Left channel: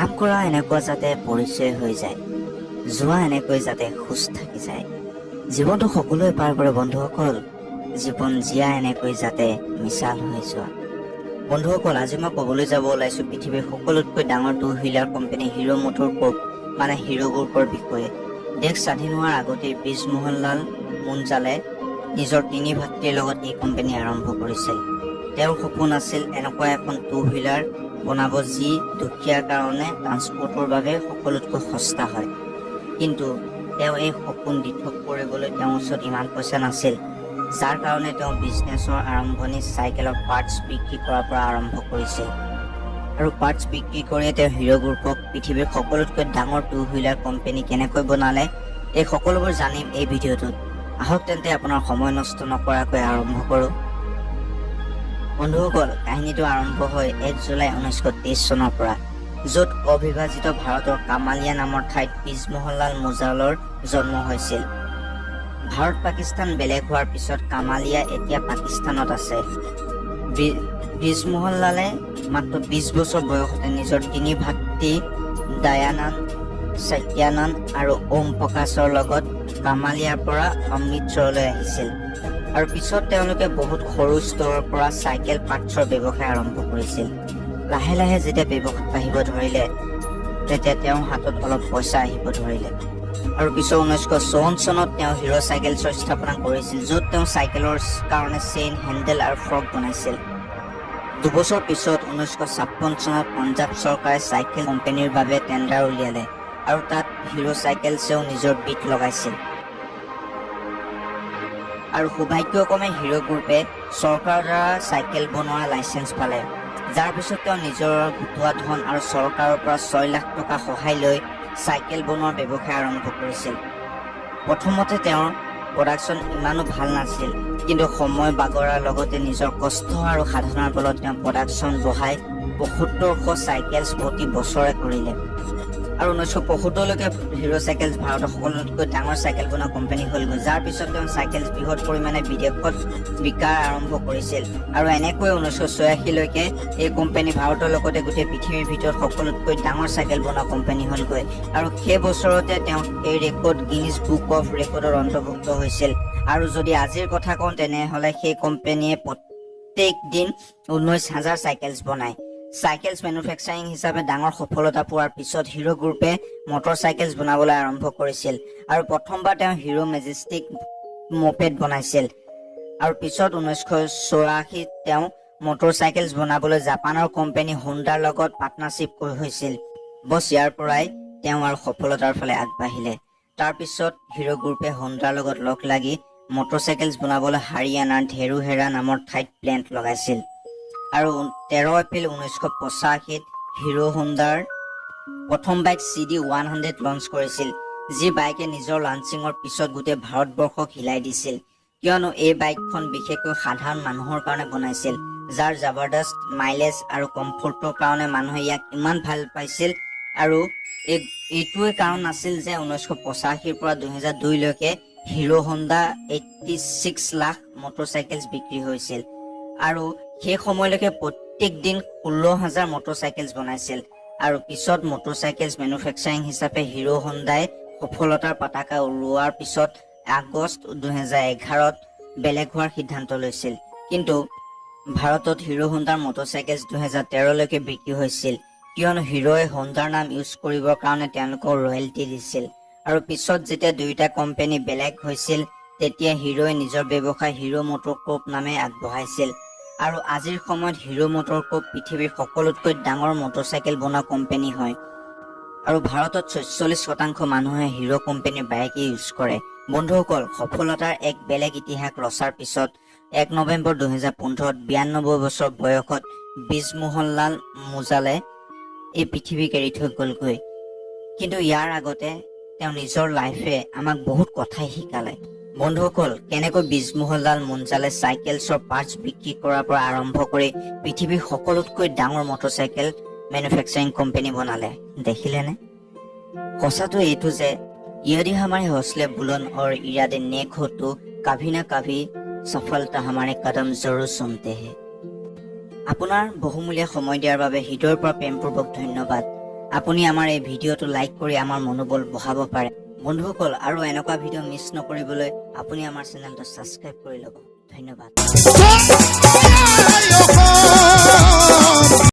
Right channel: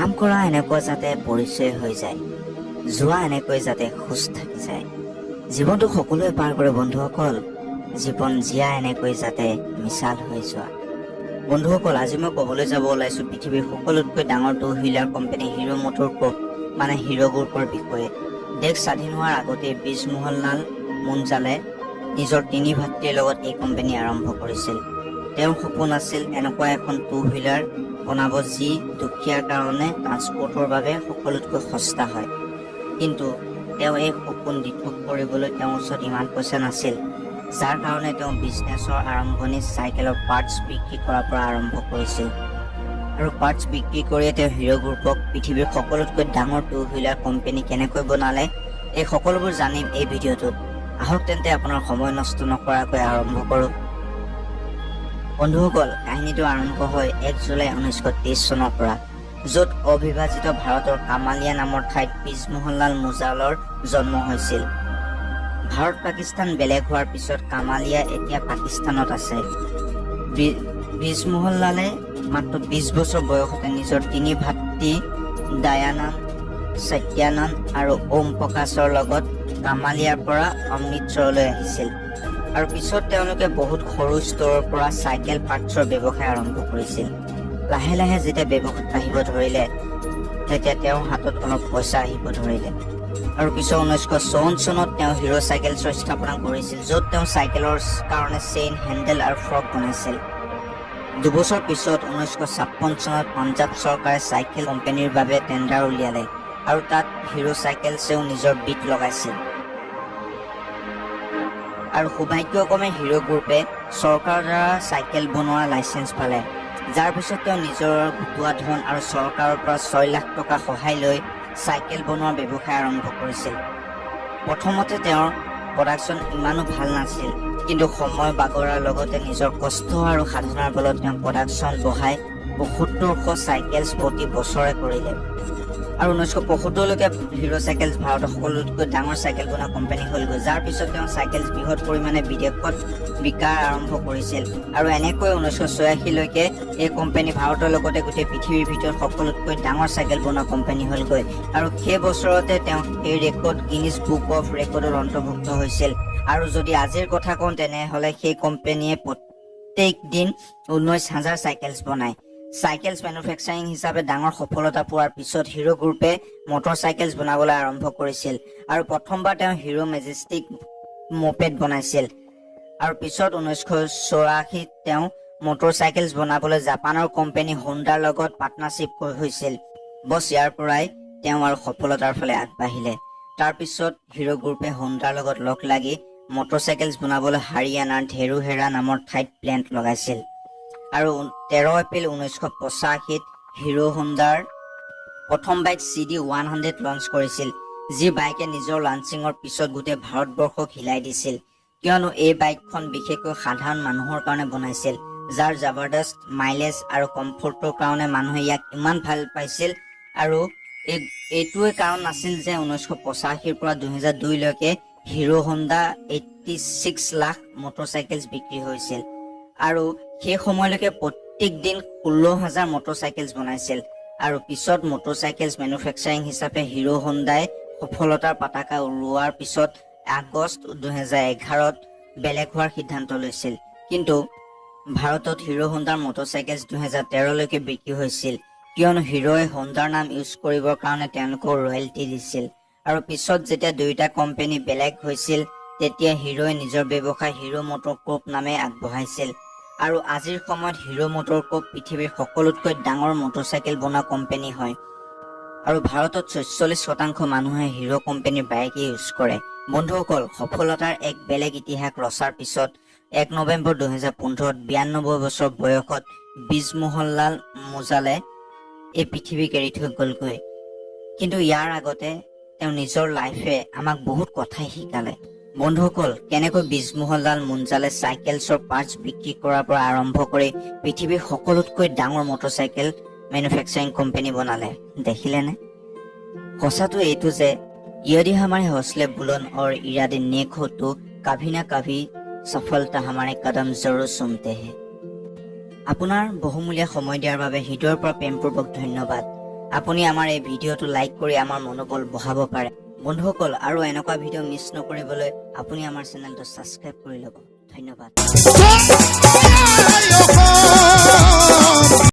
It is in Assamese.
কাম কৰা এনেকুৱা যাতে পৰিচয় হৈ যায়, যোৱা এনেকৈ যাতে খোজ থাকি যায়। জীৱনটো সকলোৱে পাৰ কৰে বন্ধুসকল, জীৱন জীয়া এনেকৈ যাতে মিছাল হৈ যোৱা। বন্ধুসকল, আজি মই ক'বলৈ যাব ওলাইছো পৃথিৱীৰ সকলোতকৈ ডাঙৰ two wheeler company Hero MotoCorp মানে হিৰো গ্ৰুপৰ বিষয়ে। দেশ স্বাধীন হোৱাৰ আগতে ব্ৰিজমোহনলাল মুঞ্জালে নিজৰ তিনি ভাতৃৰ লগত এই কোম্পানী আৰম্ভ কৰিছিল। তেওঁৰ সপোন আছিল এনেকুৱা এখন টু হুইলাৰ বনাব যি দুখীয়াৰ কাৰণে ট্ৰান্সপৰ্টৰ বাবে সকলোতকৈ সস্তা হয়। কিন্তু তেওঁ এই সপোন দিঠক কৰিবলৈ তেওঁৰ ওচৰত ইমান পইচা নাছিল, যাৰ কাৰণে তেওঁ বিজনেছৰ আৰম্ভণি চাইকেলৰ পাৰ্টছ বিক্ৰী কৰাৰ পৰা আৰম্ভ কৰিছিল। আৰু পাৰ্টছ বিক্ৰী কৰিয়ে তেওঁ হিৰো গ্ৰুপক পৃথিৱীৰ সকলোতকৈ ডাঙৰ টু হুইলাৰ কোম্পানী কেনেকৈ বনালে, এই সকলোবোৰ জানিম এই ভিডিঅ'টোত। আহক তেন্তে আপোনাৰ সময় নষ্ট নকৰাকৈ আৰম্ভ কৰোঁ। বন্ধুসকল, কাহিনীটো আৰম্ভ হয় 1 জুলাই 1923 চনৰ পৰা, য'ত অবিভাজিত ভাৰতৰ কামালিয়া নামৰ ঠাইত ব্ৰিজমোহনলাল মুঞ্জালৰ জন্ম হৈছিল। ভাৰত পাকিস্তান বেলেগ হোৱাৰ পিছত কামালিয়া এতিয়া পাকিস্তানত আছে। ব্ৰিজমোহনলালে মাত্ৰ 20 বছৰ বয়সতে নিজৰ তিনি ভাতৃ দয়ানন্দ, সত্যানন্দ আৰু ওম প্ৰকাশৰ লগত কামালিয়াৰ পৰা অমৃতসৰলৈ আহিছিল। আৰু পিছত তেওঁলোকে বহুত সৰু স্তৰৰ পৰা চাইকেল পাৰ্টছৰ ব্যৱসায় আৰম্ভ কৰিছিল। লাহে লাহে যেতিয়া ব্যৱসায় আহিব ধৰিলে, তেতিয়া তেওঁৰ হাতত অলপ পইচা আহিব ধৰিলে। আৰু পিছত 1954 চনত তেওঁ হিৰো চাইকেলছৰ স্থাপনা কৰিছিল, য'ত তেওঁ চাইকেলৰ কাৰণে চেইন, হেণ্ডেল আৰু ফ্ৰক বনাইছিল। দুবছৰ পিছত 1956 চনত পঞ্জাৱ চৰকাৰে চাইকেল কোম্পানীৰ বাবে টেণ্ডাৰ উলিয়ালে আৰু তাত হিৰো চাইকেলছেও নিজৰ বিট লগাইছিল। আৰু সৌভাগ্যক্ৰমে হিৰো গ্ৰুপে চৰকাৰৰ দ্বাৰা চাইকেল বনোৱাৰ লাইচেঞ্চ পালে, যাৰ পিছত তেওঁ নিজৰ গোটোৱা ধন আৰু চৰকাৰৰ পৰা 6 লাখ টকা সহায় লৈ চাইকেল বনোৱাৰ ব্যৱসায় আৰম্ভ কৰিছিল। প্ৰথমতে তেওঁৰ প্ৰডাকশ্যন ইমানো ভাল নাছিল, কিন্তু সময় বাগৰাৰ লগতে নিজৰ কষ্ট আৰু সাধনাৰ বলত তেওঁ প্ৰডাকশ্যন বঢ়াই ৭৫০০ চাইকেলছ প্ৰতি বছৰে কৰিলে। আৰু 1975লৈকে হিৰো চাইকেলছ ভাৰতৰ সকলোতকৈ ডাঙৰ চাইকেল বনোৱা কোম্পানী হ'লগৈ, যাৰ পিছত তেওঁ চাইকেলছ বৃহৎ পৰিমাণে বিদেশত বিকাৰ আৰম্ভ কৰিছিল। আৰু এনেকৈ 1986লৈকে এই কোম্পানী ভাৰতৰ লগতে গোটেই পৃথিৱীৰ ভিতৰত সকলোতকৈ ডাঙৰ চাইকেল বনোৱা কোম্পানী হ'লগৈ। আৰু সেই বছৰতে তেওঁ এই ৰেকৰ্ড গিনিজ বুক অফ ৰেকৰ্ডত অন্তৰ্ভুক্ত হৈছিল। আৰু যদি আজিৰ কথা কওঁ, তেনেহ'লে সেই কোম্পানীয়ে প্ৰত্যেক দিন 19,000 চাইকেলছ বনায়। চাইকেলছ মেনুফেকচাৰিং হিচাপে ডাঙৰ সফলতা পোৱাৰ পিছত হিৰো গ্ৰুপে মটৰ চাইকেলছ বনাবলৈ আৰম্ভ কৰিছিল। আৰু প্ৰথমবাৰ তেওঁ হিৰো মেজেষ্টিক ম'পেড বনাইছিল। আৰু পিছত 1984 তেওঁ মটৰ চাইকেলছ বনাবলৈ জাপানৰ কোম্পানী হোণ্ডাৰ লগত পাৰ্টনাৰশ্বিপ হৈছিল। বছ ইয়াৰ পৰাই তেওঁ আৰু সফলতাৰ ফালে আগবাঢ়িলে। তাৰ পিছত হিৰো গ্ৰুপে হোণ্ডাৰ লগত লগ লাগি মটৰ চাইকেলছ বনাবলৈ হাৰিয়ানাৰ ধেৰুহেৰা নামৰ ঠাইত প্লেণ্ট লগাইছিল। আৰু 13 এপ্ৰিল 1985 হিৰো হোণ্ডাৰ প্ৰথম বাইক CD100 লঞ্চ কৰিছিল, যি বাইকে নিজৰ লঞ্চিঙৰ পিছত গোটেই ভাৰতবৰ্ষক হিলাই দিছিল, কিয়নো এই বাইকখন বিশেষকৈ সাধাৰণ মানুহৰ কাৰণে বনাইছিল, যাৰ জবৰদস্ত মাইলেজ আৰু কমফৰ্টৰ কাৰণে মানুহে ইয়াক ইমান ভাল পাইছিল। আৰু এইটোৱে কাৰণ আছিল যে 1985 পৰা 2002লৈকে Hero Honda 86 lakh motor cycles বিক্ৰী হৈছিল। আৰু সেই সময়লৈকে প্ৰত্যেক দিন 16,000 মটৰ চাইকেলছ বনাইছিল। আৰু পিছত মটৰ চাইকেলছ মেনুফেকচাৰিং হিচাপে হিৰো হোণ্ডাই সফলতাৰ পতাকা উৰুৱাৰ পিছত আগষ্ট 2011ত বেলেগ হোৱাৰ সিদ্ধান্ত লৈছিল। কিন্তু ভাৰতত হিৰো হোণ্ডাৰ মটৰ চাইকেলছ 2013লৈকে বিক্ৰী হৈছিল, কিয়নো হিৰোৱে হোণ্ডাৰ নাম ইউজ কৰিবৰ কাৰণে তেওঁলোকক ৰয়েলটি দিছিল। আৰু পিছত যেতিয়া দুয়োটা কোম্পানী বেলেগ হৈছিল, তেতিয়া হিৰোৱে নিজৰ ব্যৱসায় হিৰো মটৰ কৰ্প নামে আগবঢ়াইছিল। আৰু আজিৰ সময়ত হিৰো মটৰ কৰ্প পৃথিৱীৰ সকলোতকৈ ডাঙৰ মটৰ চাইকেল বনোৱা কোম্পানী হয়। আৰু ভাৰতত 46% মানুহে হিৰো কোম্পানীৰ বাইক ইউজ কৰে। বন্ধুসকল, সফলতাৰ এক বেলেগ ইতিহাস ৰচাৰ পিছত 1 নৱেম্বৰ 2015ত 92 বছৰ বয়সত ব্ৰিজমোহনলাল মুঞ্জালে এই পৃথিৱীক এৰি থৈ গ'লগৈ। কিন্তু ইয়াৰ আগতে তেওঁ নিজৰ লাইফে আমাক বহুত কথাই শিকালে। বন্ধুসকল, কেনেকৈ ব্ৰিজমোহনলাল মুঞ্জালে চাইকেলছৰ পাৰ্টছ বিক্ৰী কৰাৰ পৰা আৰম্ভ কৰি পৃথিৱীৰ সকলোতকৈ ডাঙৰ মটৰ চাইকেল মেনুফেকচাৰিং কোম্পানী বনালে, দেখিলেনে? সঁচাটো এইটো যে यदि हमारे हौसले बुलंद और इरादे नेक हो तो कभी ना कभी सफलता हमारे कदम जरूर सुनते हैं। আপোনাৰ বহুমূলীয়া সময় দিয়াৰ বাবে হৃদয়ৰ পৰা প্ৰেমপূৰ্বক ধন্যবাদ। আপুনি আমাৰ এই ভিডিঅ'টো লাইক কৰি আমাৰ মনোবল বঢ়াব পাৰে। বন্ধুসকল, আৰু এনেকুৱা ভিডিঅ' মিছ নকৰিবলৈ আপুনি আমাৰ চেনেলটো ছাবস্ক্ৰাইব কৰি ল'ব। ধন্যবাদ।